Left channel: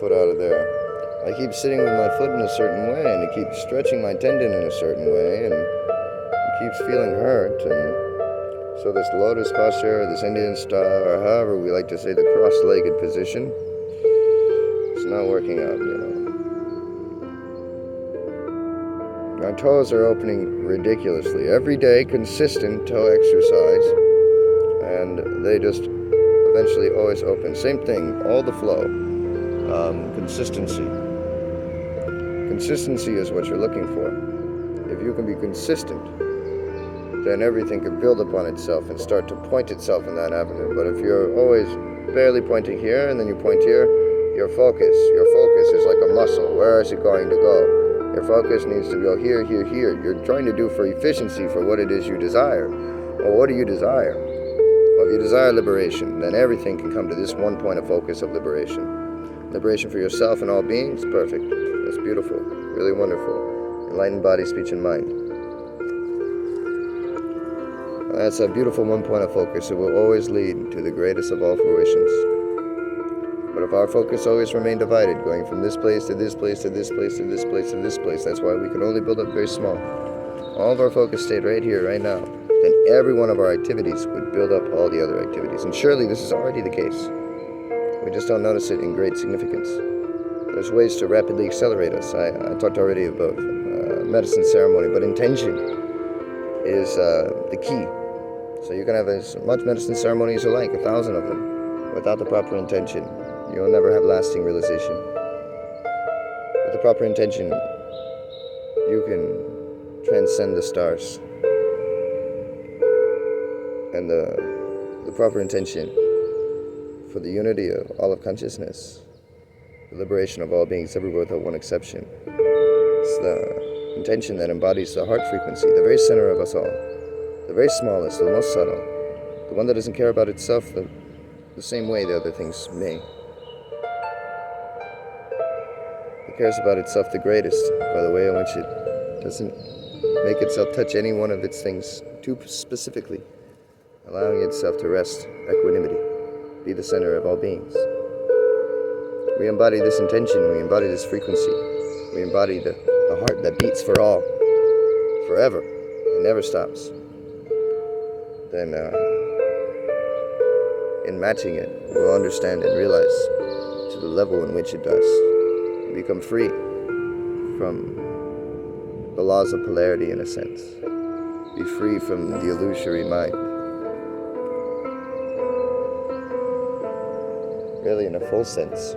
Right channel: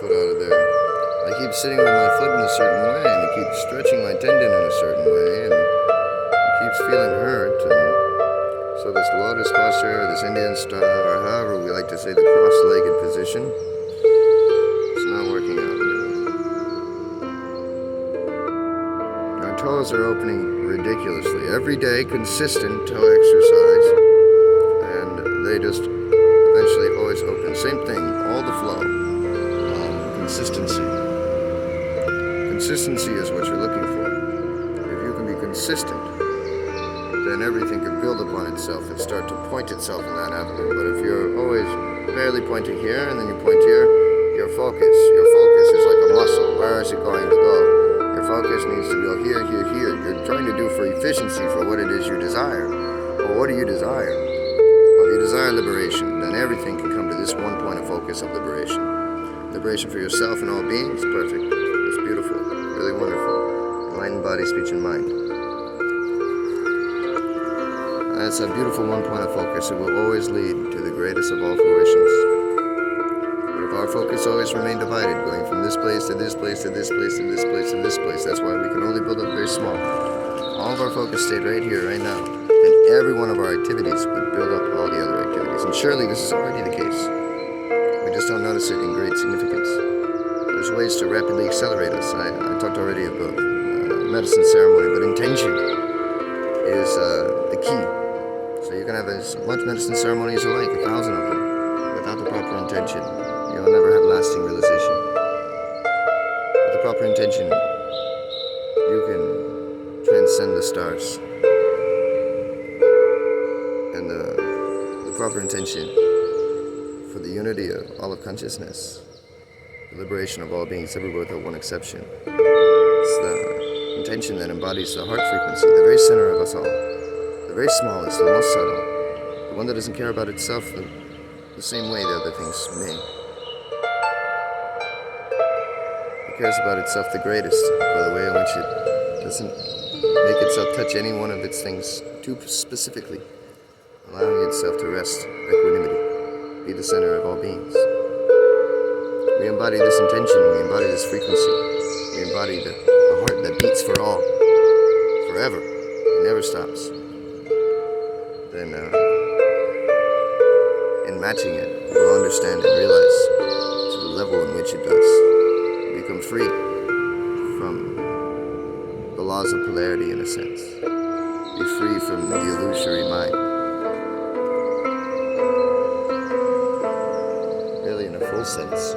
foot out of there. I keep sitting with my foot in a certain way, and it keeps stretching my tendon in a certain way, and it keeps feeling hurt. And so this lotus posture, this Indian style, or however we like to say the cross-legged position, it's not working out, Our toes are opening ridiculously. Every day, consistent toe exercise, and they just eventually always open. Same thing, all the flow. Consistency. Consistency is what you're looking for. If you can be consistent, then everything can build upon itself and start to point itself in that avenue. But if you're always barely pointing here and then you point here, your focus is like a muscle. Where is it going to go? Your focus needs to go here, here, here. You're trying to do for efficiency for what it is you desire. Well, what do you desire? Well, if you desire liberation, then everything can come to this one point of focus of liberation. Liberation for yourself and all beings, perfect. It's beautiful, really wonderful. Enlightened body, speech, and mind. That's a beautiful one point of focus. It will always lead to the greatest of all fruitions. But if our focus always remained divided, going from this place to this place to this place to this place to this place, that's why we can only build up very small. All of our focus stayed right here, right now. Then every one of our activities would build up all the other activities. And surely this is already the case. We just don't notice it in great significance. There's ways to rapidly accelerate us. I talked already about medicine ceremony, but intention is the key. So you can have as much medicine ceremony as you like, 1,000 of them. Without the proper intention, you'll never have lasting realization. With the proper intention, you can transcend the stars. And the proper intention for the unity of all of consciousness, the liberation of all beings everywhere without one exception. It's the intention that embodies the heart frequency, the very center of us all, the very smallest, the most subtle, the one that doesn't care about itself the same way the other things may. It cares about itself the greatest by the way in which it doesn't make itself touch any one of its things too specifically, allowing itself to rest equanimity, be the center of all beings. We embody this intention, we embody this frequency, we embody the heart that beats for all, forever, it never stops. Then in matching it, we'll understand and realize to the level in which it does. We become free from the laws of polarity in a sense. Be free from the illusory mind. Really in a full sense.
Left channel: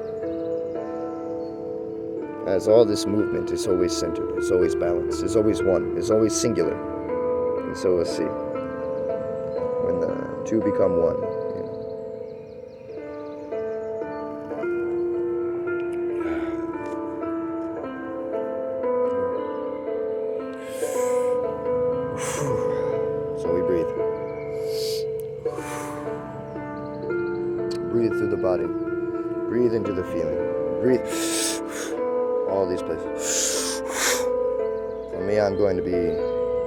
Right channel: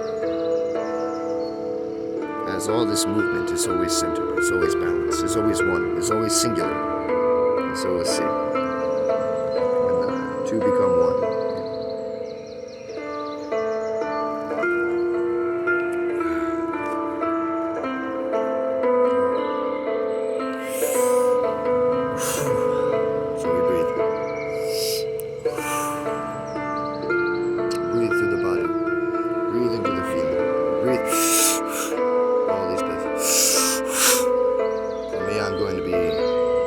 As all this movement is always centered, it's always balanced, it's always one, it's always singular. And so we'll see. When the two become one. So we breathe. Breathe through the body. Breathe into the feeling. Breathe. All these places. For me, I'm going to be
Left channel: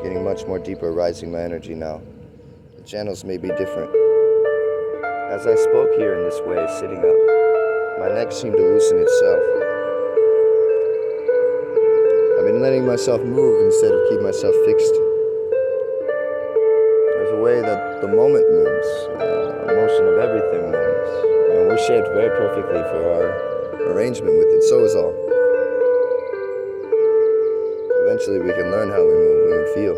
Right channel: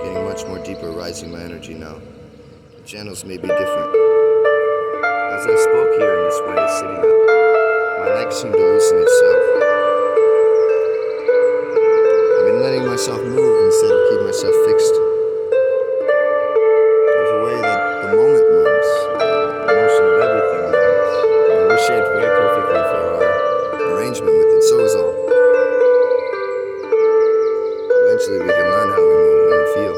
getting much more deeper, rising my energy now. The channels may be different. As I spoke here in this way, sitting up, my neck seemed to loosen itself. I've been letting myself move instead of keep myself fixed. There's a way that the moment moves, motion of everything moves. And we're shaped very perfectly for our arrangement with it, so is all. Eventually we can learn how we move and feel,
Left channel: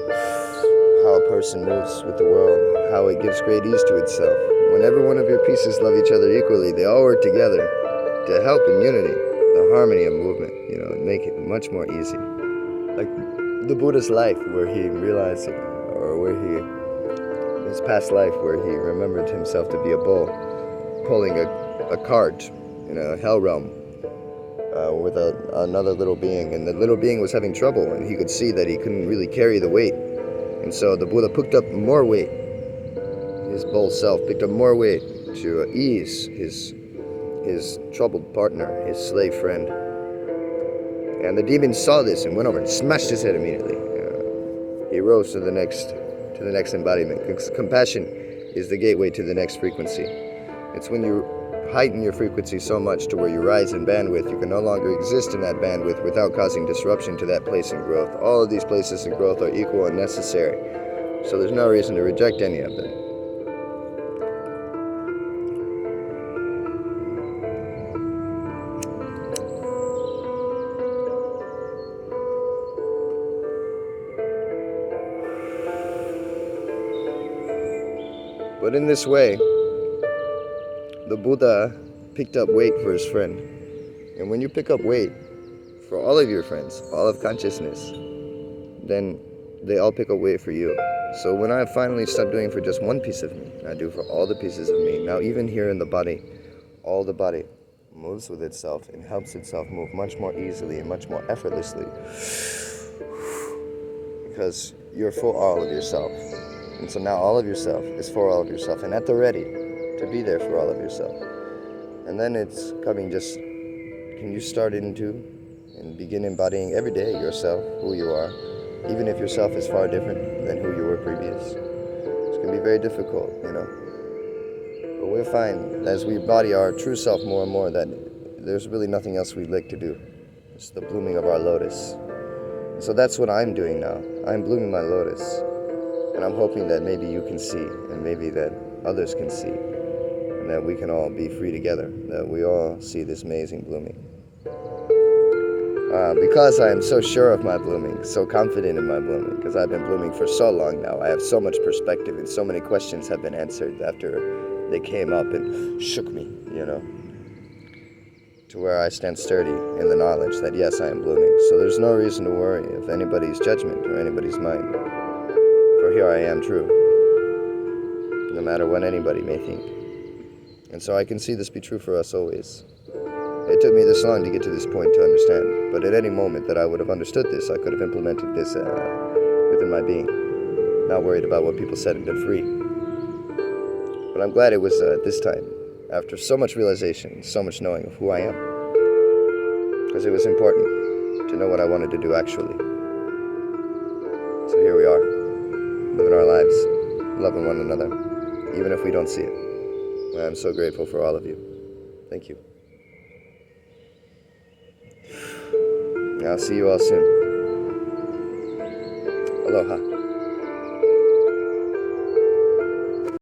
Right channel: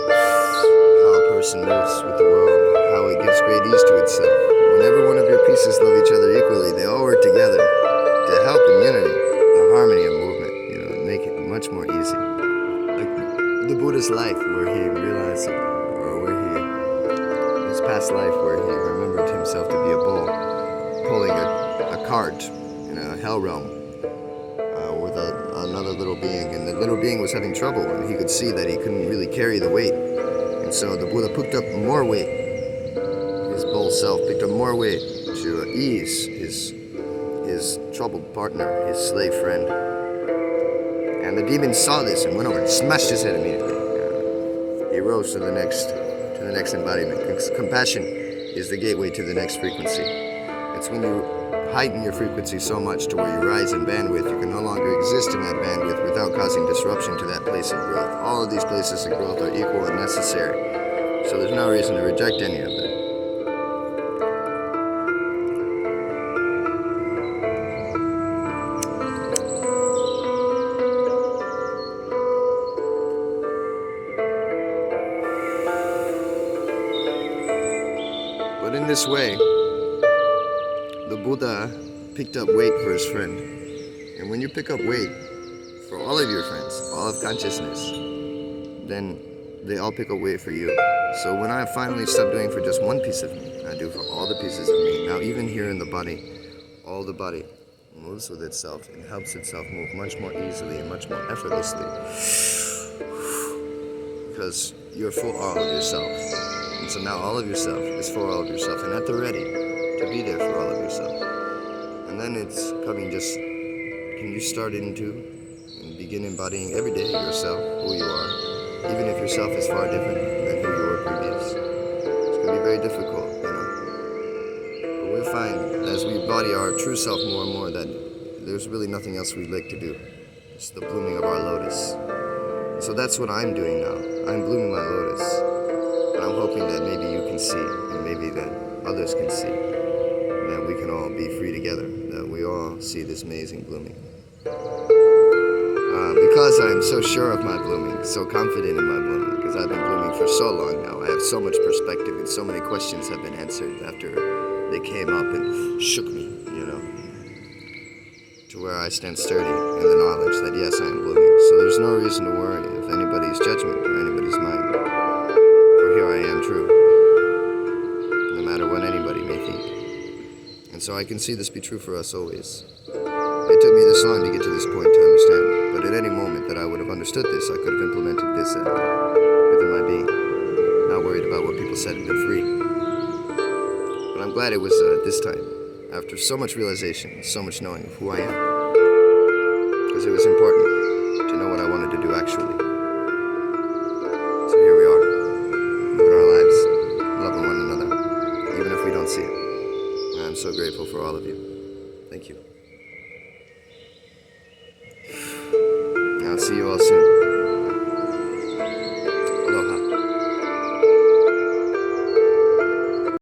how a person moves with the world, how it gives great ease to itself. When every one of your pieces love each other equally, they all work together to help in unity, the harmony of movement, make it much more easy. Like the Buddha's life, where he realized it, or where his past life, where he remembered himself to be a bull, pulling a cart in a hell realm. With another little being, and the little being was having trouble, and he could see that he couldn't really carry the weight, and so the Buddha picked up more weight. His bull self picked up more weight to ease his troubled partner, his slave friend. And the demon saw this and went over and smashed his head immediately. He rose to the next embodiment. Compassion is the gateway to the next frequency. It's when you heighten your frequency so much to where you rise in bandwidth, you can no longer exist in that bandwidth without causing disruption to that place of growth. All of these places of growth are equal and necessary, so there's no reason to reject any of them. But in this way, the Buddha picked up weight for his friend. And when you pick up weight for all of your friends, all of consciousness, then they all pick up weight for you. So when I finally stop doing for just one piece of me, I do for all the pieces of me. Now even here in the body, all the body moves with itself and helps itself move much more easily and much more effortlessly. Because you're for all of yourself. And so now all of yourself is for all of yourself and at the ready to be there for all of yourself. And then it's coming just, can you start into and begin embodying every day yourself, who you are, even if yourself is far different than who you were previous. It's going to be very difficult, you know. But we'll find as we embody our true self more and more that there's really nothing else we'd like to do. It's the blooming of our lotus. So that's what I'm doing now. I'm blooming my lotus. And I'm hoping that maybe you can see, and maybe that others can see, that we can all be free together, that we all see this amazing blooming. Because I am so sure of my blooming, so confident in my blooming, because I've been blooming for so long now, I have so much perspective, and so many questions have been answered after they came up and shook me, you know, to where I stand sturdy in the knowledge that yes, I am blooming. So there's no reason to worry if anybody's judgment or anybody's mind. For here I am true, no matter what anybody may think. And so I can see this be true for us always. It took me this long to get to this point to understand, but at any moment that I would have understood this, I could have implemented this within my being, not worried about what people said and been free. But I'm glad it was this time, after so much realization, so much knowing of who I am, because it was important to know what I wanted to do actually. So here we are. Living our lives, loving one another, even if we don't see it. And I'm so grateful for all of you. Thank you. I'll see you all soon. Aloha.